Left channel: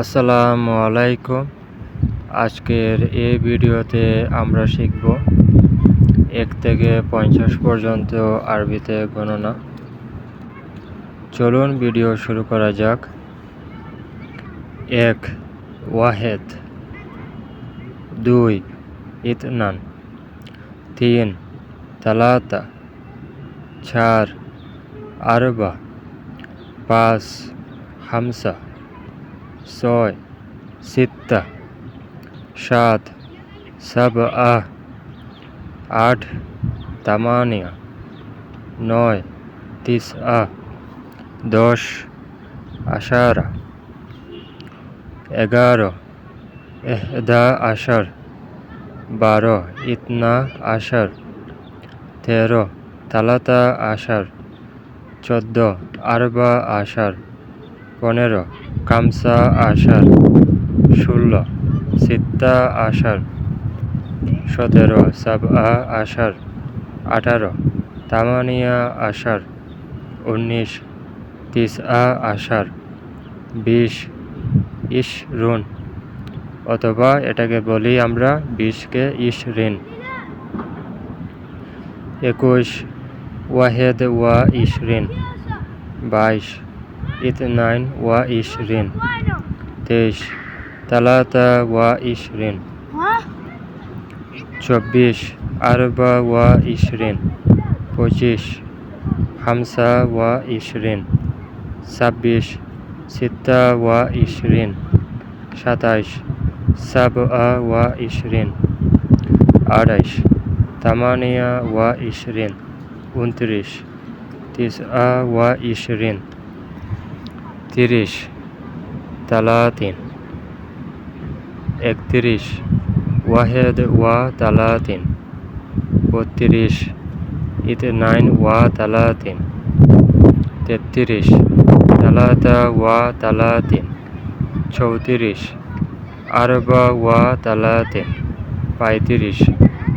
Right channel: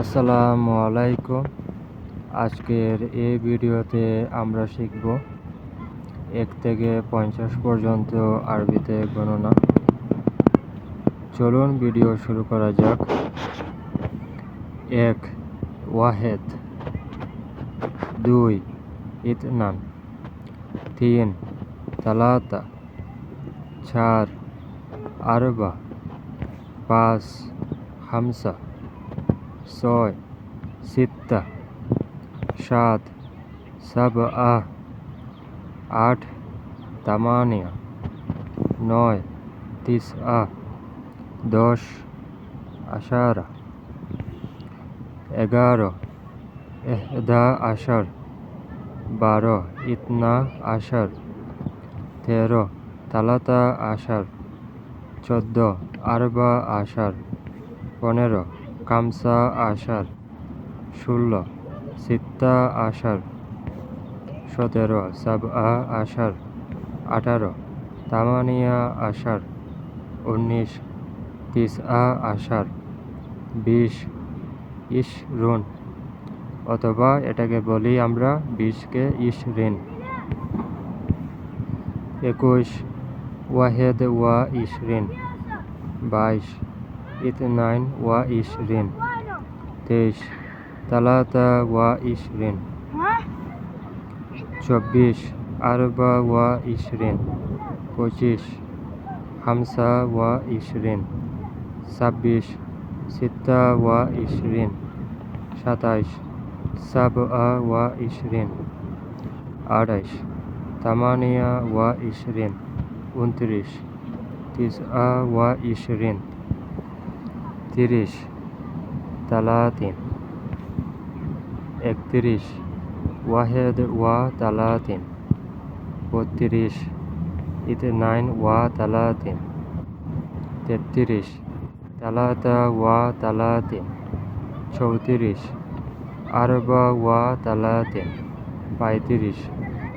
আসসালামু আলাইকুম। আজকের এই ভিডিওতে আমরা শিখব 1 থেকে 50 পর্যন্ত আরবিতে গণনা। চলুন ভিডিও শুরু করা যাক। 1 ওয়াহেদ, 2 ইতনান, 3 তালাতা, 4 আরবা, 5 হামসা, 6 সিত্তা, 7 সাবআ, 8 তামানিয়া, 9 তিসআ, 10 আশারা, 11 ইহদা আশার, 12 ইতনা আশার, 13 তালাতা আশার, 14 আরবা আশার, 15 খামসা আশার, 16 সিত্তা আশার, 17 সাবআ আশার, 18 তামানিয়া আশার, 19 তিসআ আশার, 20 ইশরুন, অথবা এটাকে বলি আমরা 20 কে ইশরিন। 21 ওয়াহেদ ওয়া ইশরিন, 22 ইতনাইন ওয়া ইশরিন, 23 তালাতা ওয়া ইশরিন, 24 আরবা ওয়া ইশরিন, 25 খামসা ওয়া ইশরিন, 26 সিত্তা ওয়া ইশরিন, 27 সাবআ ওয়া ইশরিন, 28 তামানিয়া ওয়া ইশরিন, 29 তিসআ ওয়া ইশরিন, 30 তালাতিন, 31 ওয়াহেদ ওয়া তালাতিন, 32 ইতনাইন ওয়া তালাতিন, 33 তালাতা ওয়া তালাতিন, 34 আরবা ওয়া তালাতিন, 35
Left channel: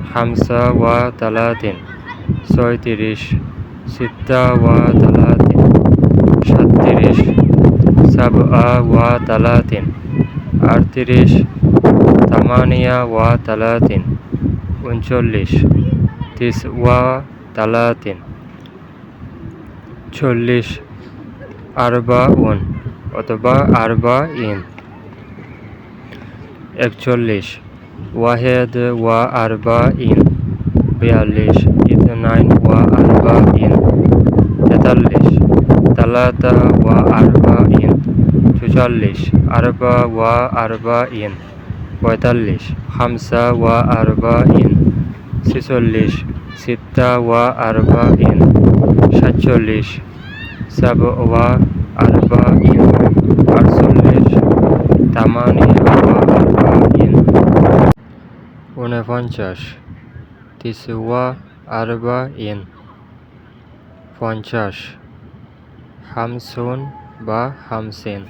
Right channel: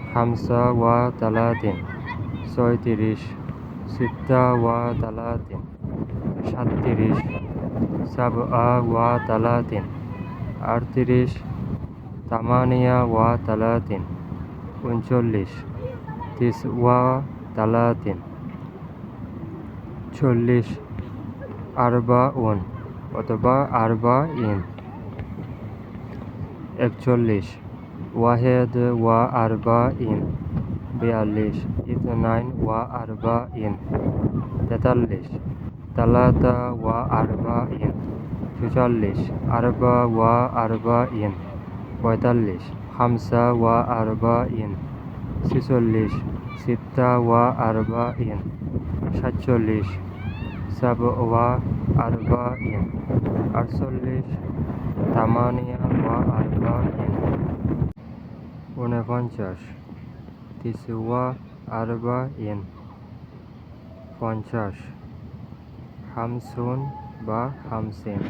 খামসা ওয়া তালাতিন, 36 সিত্তা ওয়া তালাতিন, 37 সাবআ ওয়া তালাতিন, 38 তামানিয়া ওয়া তালাতিন, 39 তিসওয়া তালাতিন, 40 আরবাউন অথবা আরবাইন, 41 ওয়াহেদ ওয়া আরবাইন, 42 ইতনাইন ওয়া আরবাইন, 43 তালাতা ওয়া আরবাইন, 44 আরবা ওয়া আরবাইন, 45 খামসা ওয়া আরবাইন, 46 সিত্তা ওয়া আরবাইন, 47 সাবওয়া আরবাইন, 48 তামানিয়া ওয়া আরবাইন, 49 তিসওয়া আরবাইন, 50 খামসুন বা খামসিন।